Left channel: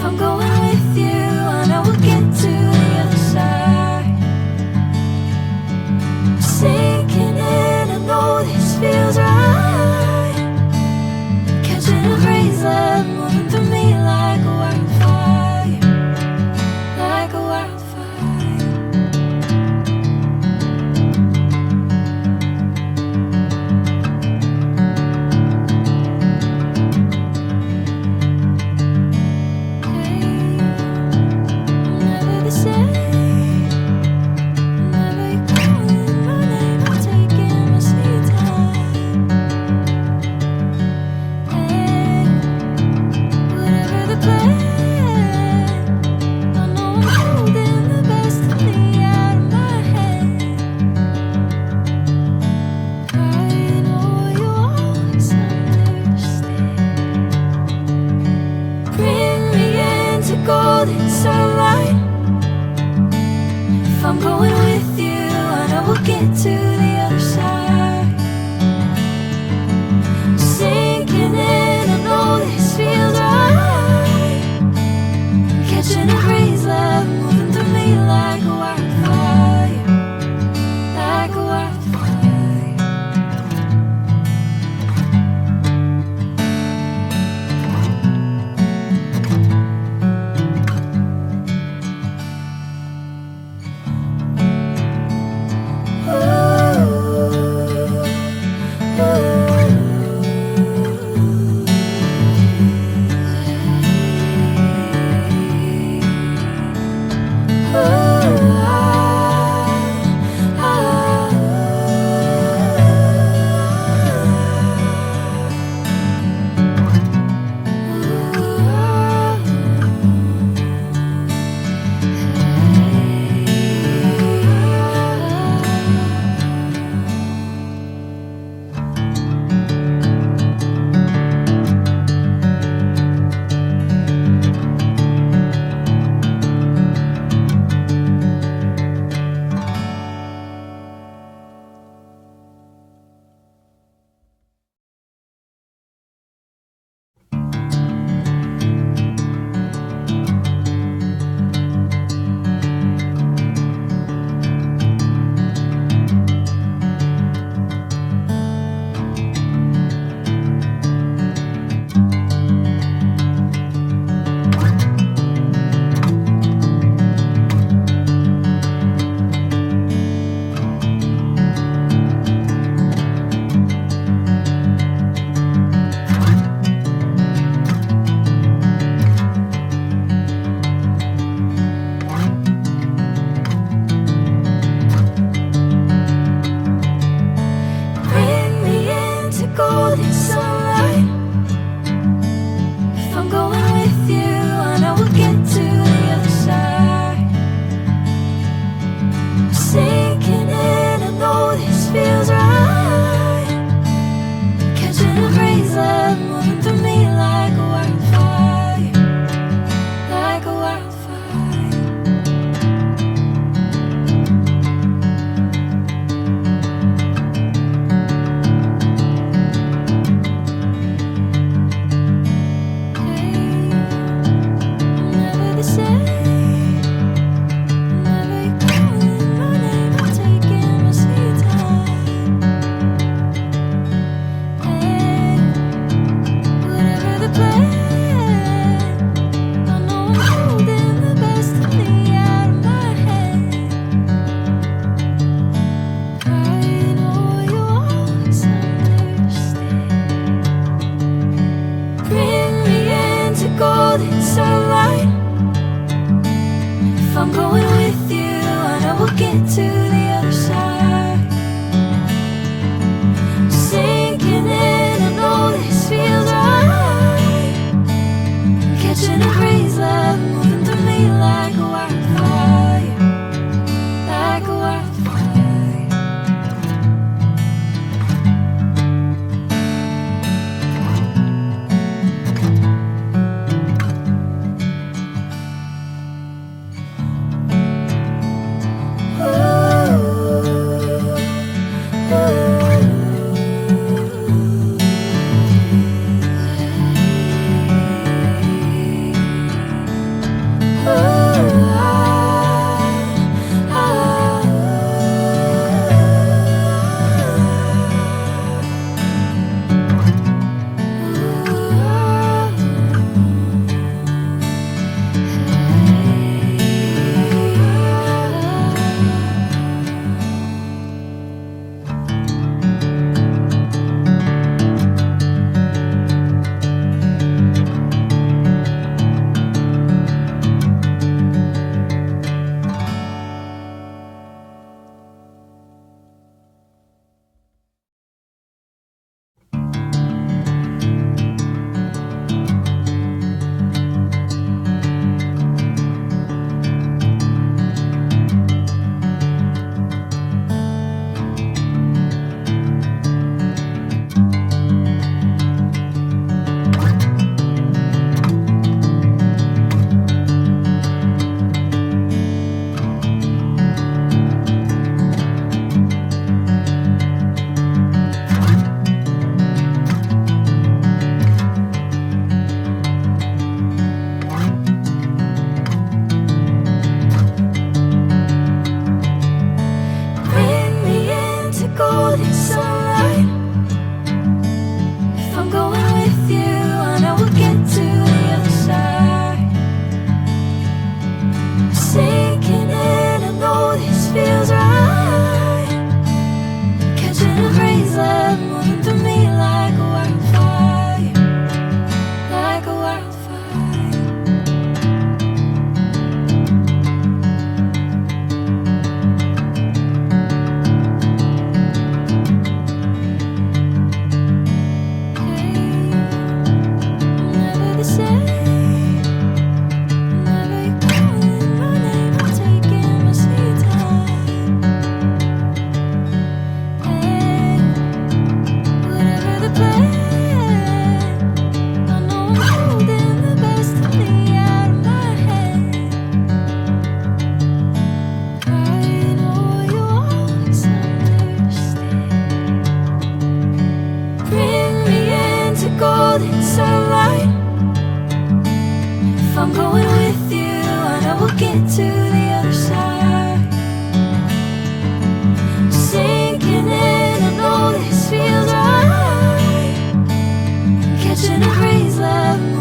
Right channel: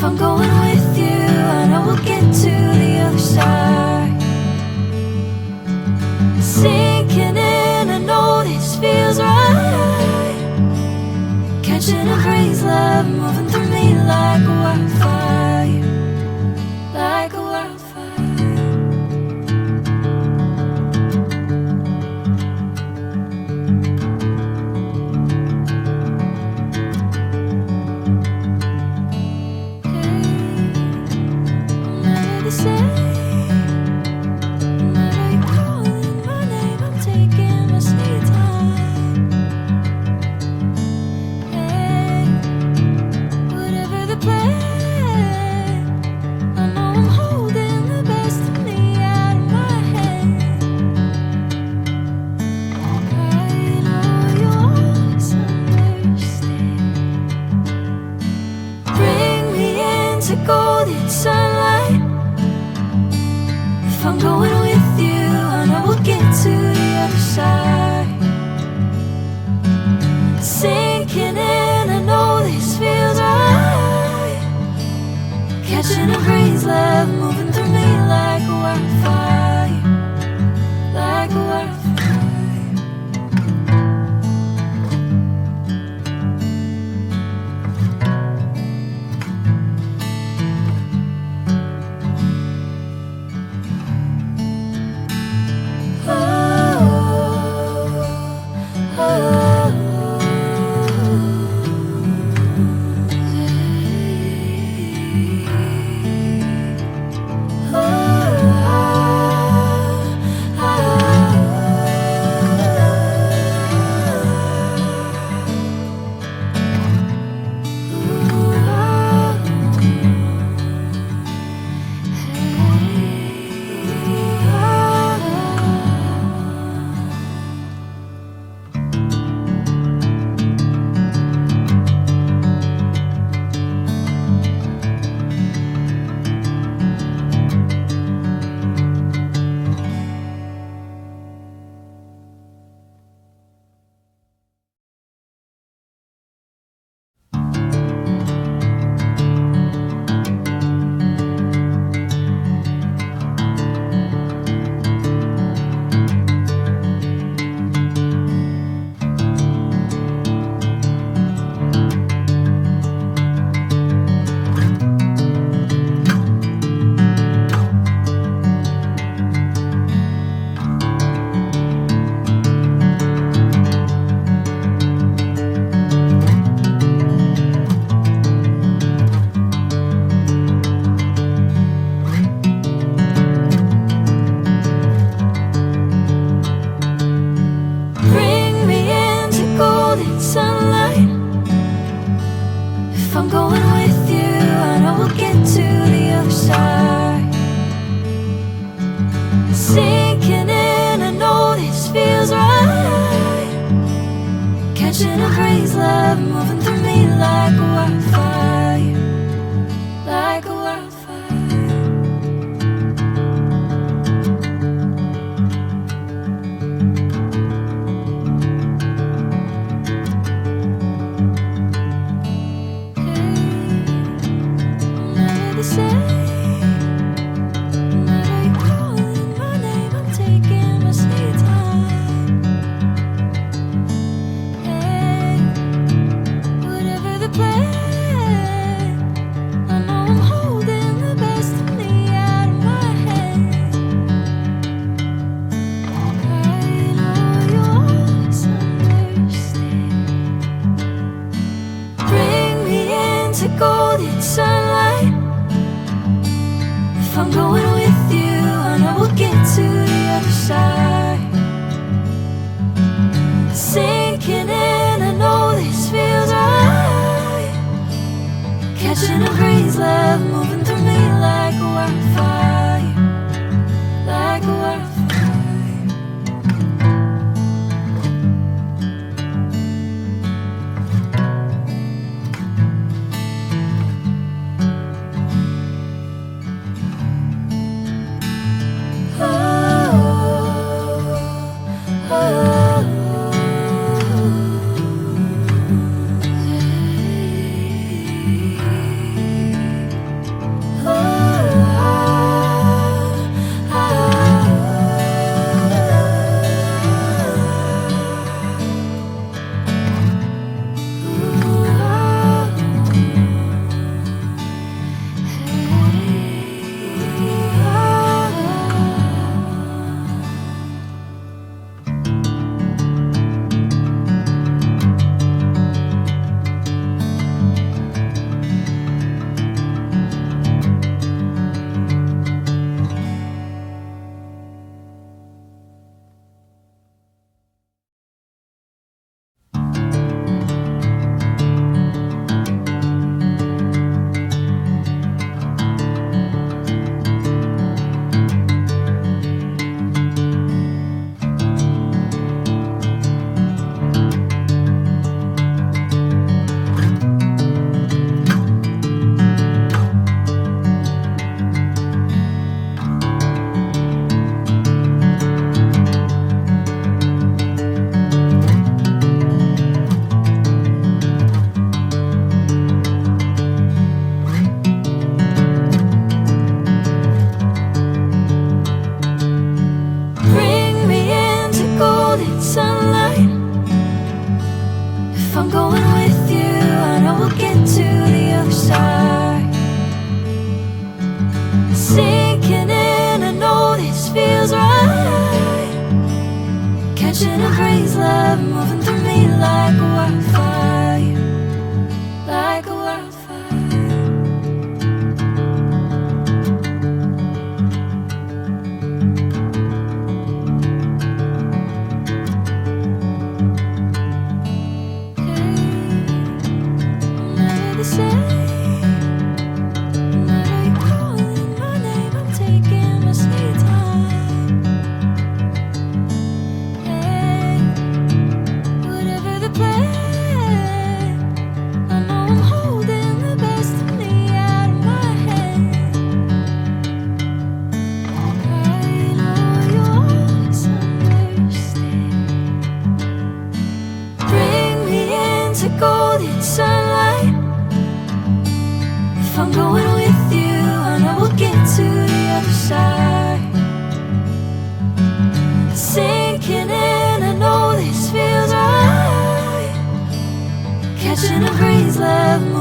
If I'm going with you, I know we'll get to the other side. Sinking in, I know this feels right. Catching a crazy love, moving through me like a wildfire, like a wildfire. Golden sunlight. If I'm going with you, I know we'll get to the other side. Sinking in, I know this feels right. Catching a crazy love, moving through me like a wildfire, like a wildfire. Catching a crazy love, moving through me like a wildfire, like a wildfire. Hey, I'm never the same. Whenever you're calling my name, I'm taking my sweet time. Golden sunlight. If I'm going with you, I know we'll get to the other side. Sinking in, I know this feels right. Catching a crazy love, moving through me like a wildfire, like a wildfire. this feels right. Catching a breeze, love moving through me like a wildfire, like a wildfire. Hey, I'm never the same. Whenever you're calling my name, I'm taking my sweet time. Hey, whatever the plan, I know I'm holding the best of me out of my head. I know you always understand. Bring me into golden sunlight. If I'm going with you, I know we'll get to the other side. Sinking in, I know this feels right. Catching a breeze, love.